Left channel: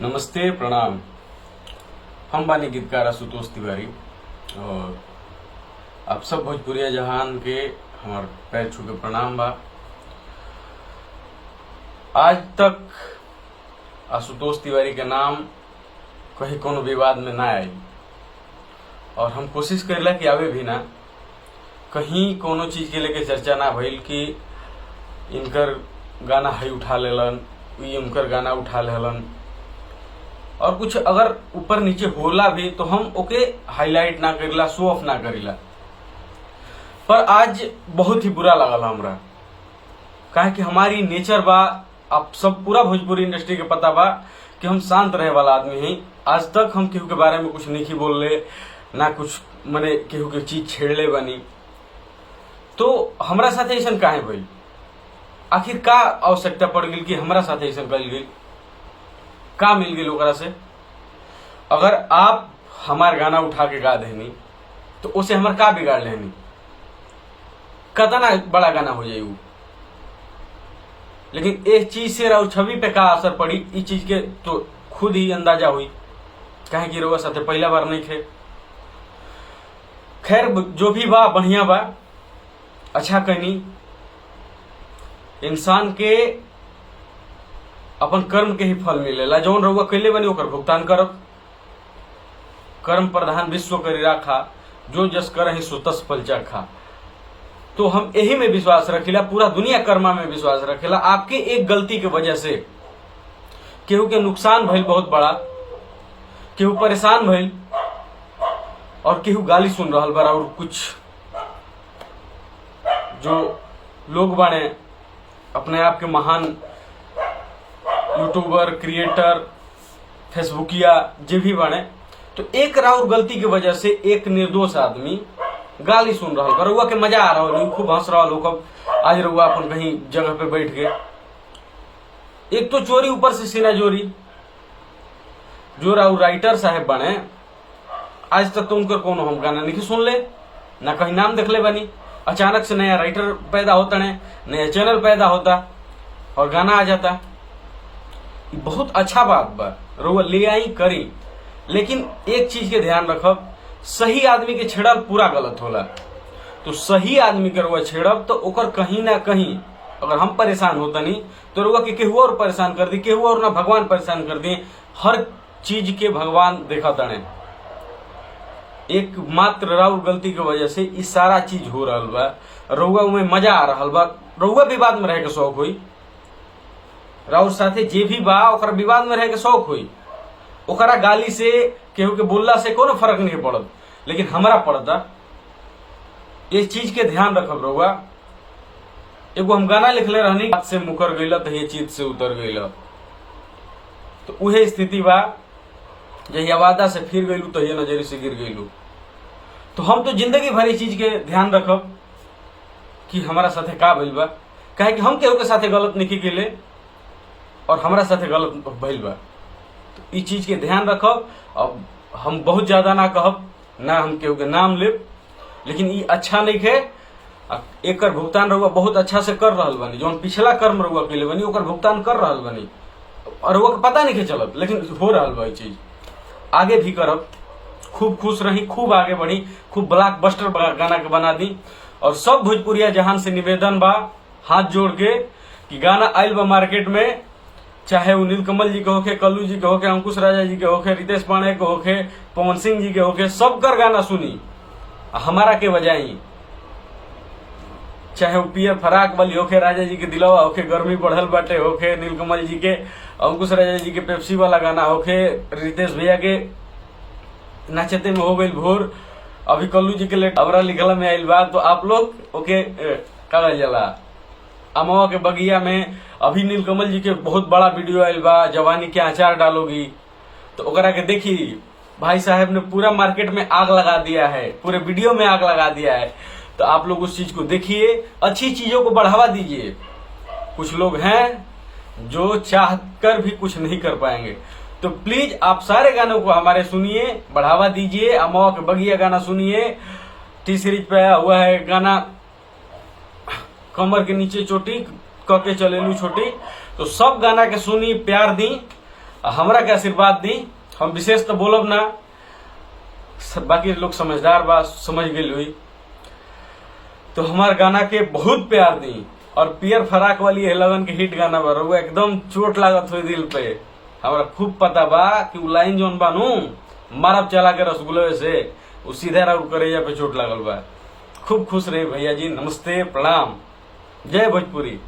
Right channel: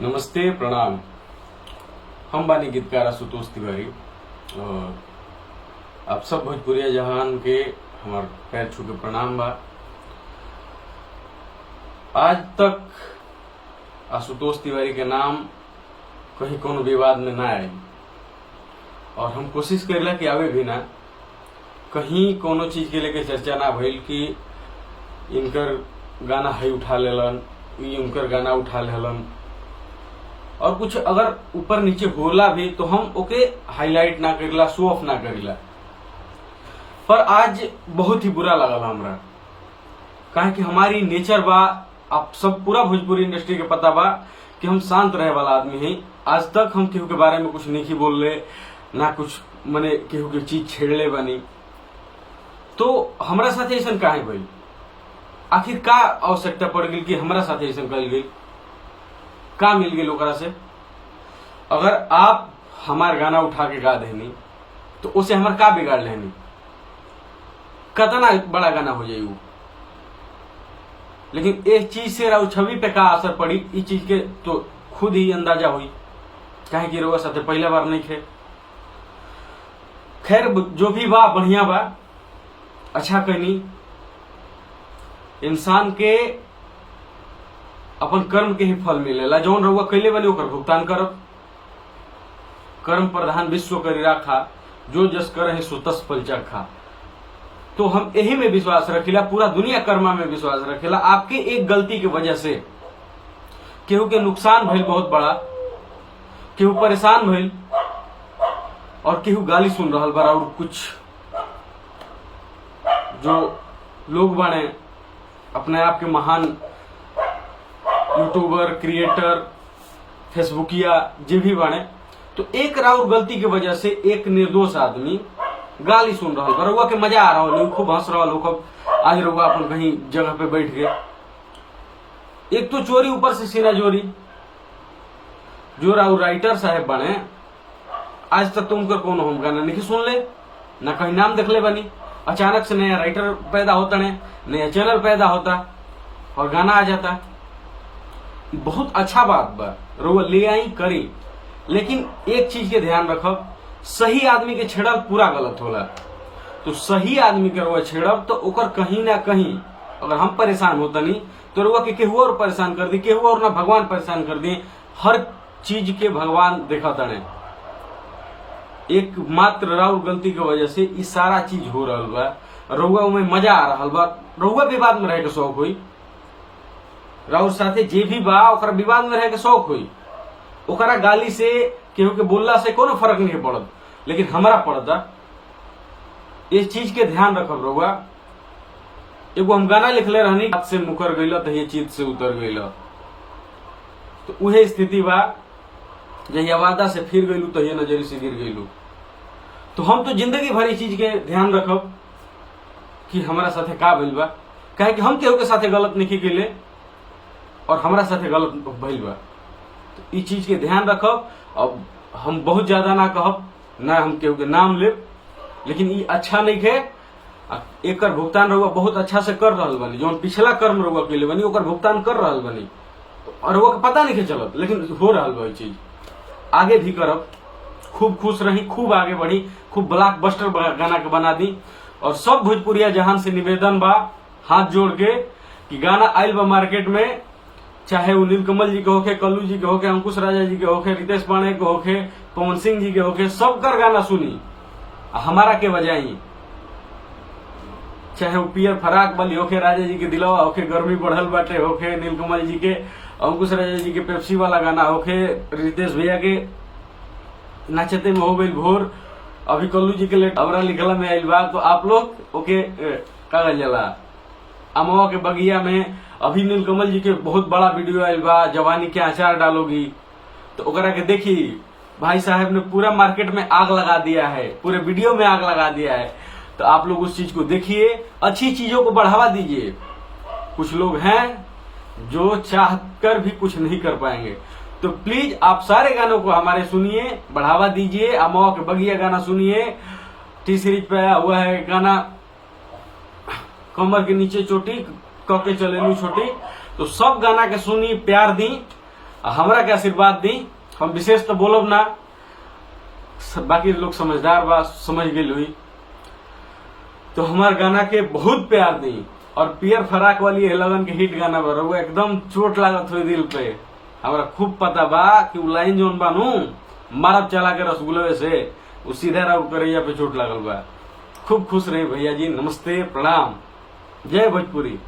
नमस्ते, प्रणाम। हम बानी गीतकार आशुतोष तिवारी और आप सब भोजपुरिया जहान के हमार पैर छू के प्रणाम बा। आज तक आशुतोष तिवारी के नाम कहीं कोनो विवाद में ना आई और हम कोशिश करेला कि आवे भी ना, कहीं कोनो चीज के लेके चर्चा ना भइल कि इनकर गाना है उठा लेलन, उनकर गाना उठा लेलन, और कुछ अगर ऊपर नीचे होला भी तो हम ओके हाईलाइट ना करिला, शो ऑफ ना करिला। पर आज बहुत ही बुरा लगल हमरा, काहे कि हमारी नेचर बा, आप सब पूरा भोजपुरी इंडस्ट्री के पता बा कि हम शांत रहे वाला आदमी हैं। आज तक हम केहू के बारे में कुछ नहीं बोल ले, ना कुछ मने केहू के चीज छेड़ले बनी। तो हमरा साथे ऐसा काहे भइल? आखिर का आवश्यकता पड़ गई कि हमरा साथे ऐसा कल गई? का मिल गई ओकरा से? अगर आप हमार गाना उठा के गा देनी तो उसे हमार का बिगाड़ लेनी? कतना बड़ा गाना हो जाये वो। लेकिन इस चीज से राउ छवि पे का असर पड़ी, इस चीज के तो खुद ही अंदाजा हुई, काहे कि रउआ साथे पहला बार नहीं थे। खैर, जो भी बा बढ़िया बा, अच्छा कहनी। इंसान के अपन कर्म के ही फल मिलेला। जौन रउआ कैले बनी ओकर भुगतान करब। कर्म प्रधान विश्व करी राखा, जो जस करहि सो तस फल चखा। तो हम यही में विश्वास रखिला, पूरा दुनिया कर्मा में विश्वास रखेला। आपके एक गलती के वजह से केहू के नुकसान भइल बहुत बड़ा, केहू परेशान भइल और केहू गाली सुन रहल बा। और कुछ जो लोग बाने अपने आप के महान यूट्यूबर, क्रिएटर, फेसबुकिया जे भी बने, तो एक राउर गलती की वजह से एक निर्दोष आदमी गाली सुन रहा है। रउआ के मजा आ रहा हो, खूब हंस रहा हो। आज रउआ अपन कहीं जगह पे बैठ गए, एक तो चोरी, ऊपर से सीना जोरी। जो राउर राइटर साहब बने, आज तक तो उनकर कोनो हम गाना नहीं सुन ले, ना कहीं नाम देख ले बनी। अचानक से नया राइटर पैदा होता है, नया चैनल पैदा होता और गाना आ जाता। बहुत अच्छा बात बा, रउआ ले आई करी, लेकिन एक चीज के ध्यान रखब, सही आदमी के छेड़ब पूरा गलत होला। तो सही आदमी के रउआ छेड़ब तो ओकर कहीं ना कहीं अगर हम परेशान होता नहीं तो रउआ के केहू और परेशान कर दी, केहू और ना भगवान परेशान कर दिए। हर चीज के भगवान देखा तने, एक मात्र राउर गलती की वजह से इस सारा चीज हो रहा बा। रउआ में मजा आ रहा बा, रउआ विवाद में रहे के शौक हुई। राउर साथे जे भी बा ओकरा विवाद में रहे के शौक हुई। ओकरा गाली से, केहू के बोलला से कोनो फर्क नहीं पड़त, लेकिन हमरा पड़ता। इस चीज के ध्यान रखब रउआ। एगो हम गाना लिखले रहनी, हाथ से मुकर गईला तो ये चीत से उतर गईला। तो उहे स्थिति बा, जहिया वादा से फिर गईलू तो ये नजरी से गिर गईलू। तो हम तो जिंदगी भर इस चीज के ध्यान रखब कि हमारा साथे का भइल बा, काहे कि हम केहू के साथे गलत नहीं कैले और हमारा साथे गलत भइल बा। तो इस चीज के ध्यान रखब। अब हम बहुत ज्यादा ना कहब, ना हम केहू के नाम लेब, लेकिन ये अच्छा नहीं है। एकर भुगतान रउआ बहुत अच्छा से कर रहल बनी। जो पिछला कर्म रउआ कैले बनी ओकर भुगतान कर रहल बनी और रउआ के पता नहीं के चलत, लेकिन हो रहल बा। चीज आगे भी करब। खूब खुश रही, खूब आगे बढ़ी, खूब ब्लॉकबस्टर गाना के बना दी। और सब भोजपुरिया जहान से निवेदन बा, हाथ जोड़ के, कि गाना आइल बा मार्केट में, चाहे वो नीलकमल जी के होके, कल्लू जी के होके, अंकुश राजा जी के होके, रितेश पांडे के होके, पवन सिंह जी के होके, सबकर गाना सुनी, हमारा के बजाई। चाहे वो पियर फराक वाली होके, राजा जी के दिलवा होके, गर्मी बढ़ल बाटे होके, नीलकमल जी के, अंकुश राजा जी के पेप्सी वाला गाना होके, रितेश भैया के नाचते में हो गई भोर, अभी कल्लू जी के लेट हमरा लिखला में आइल बा। तो आप लोग ओके का जला अमवा के बगिया में अभी नीलकमल जी के बहुत बड़ा वीडियो आयल बा, जवानी के अचार डालोगी। तो ओकरा के देखी, भाई साहब ने पूरा मार्केट में आग लगा दिया है, पूरे वीडियो में आग लगा दिया है। तो आप लोग उस चीज को देखिए, अच्छी चीजों को बढ़ावा दीजिए। कुछ लोग हैं जो चाहकर भी कुछ नहीं कर पाएंगे। तो प्लीज आप सारे गानों को हमारे सुनिए, बढ़ावा दीजिए। अमवा के बगिया गाना सुनिए, टी सीरीज पे आया हुआ है गाना कमर के नीचे चोटी कके चलेलू छोटी। तो सब गाना के सुनी, प्यार दी हमरा के आशीर्वाद दी। हम विशेष तो बोलब ना, बाकी लोग समझदार बा, समझ गई हुई। तो हमार गाना के बहुत प्यार दी। और पियर फराक वाली लगन के हिट गाना बा, वो एकदम चोट लागत हुई दिल पे। हमरा खूब पता बा कि उ लाइन जोन बानू मारब चला के रसगुल्ले से, उ सीधा राउर करैया पे चोट लागल बा। खूब खुश रही भैया जी, नमस्ते, प्रणाम, जय भोजपुरी।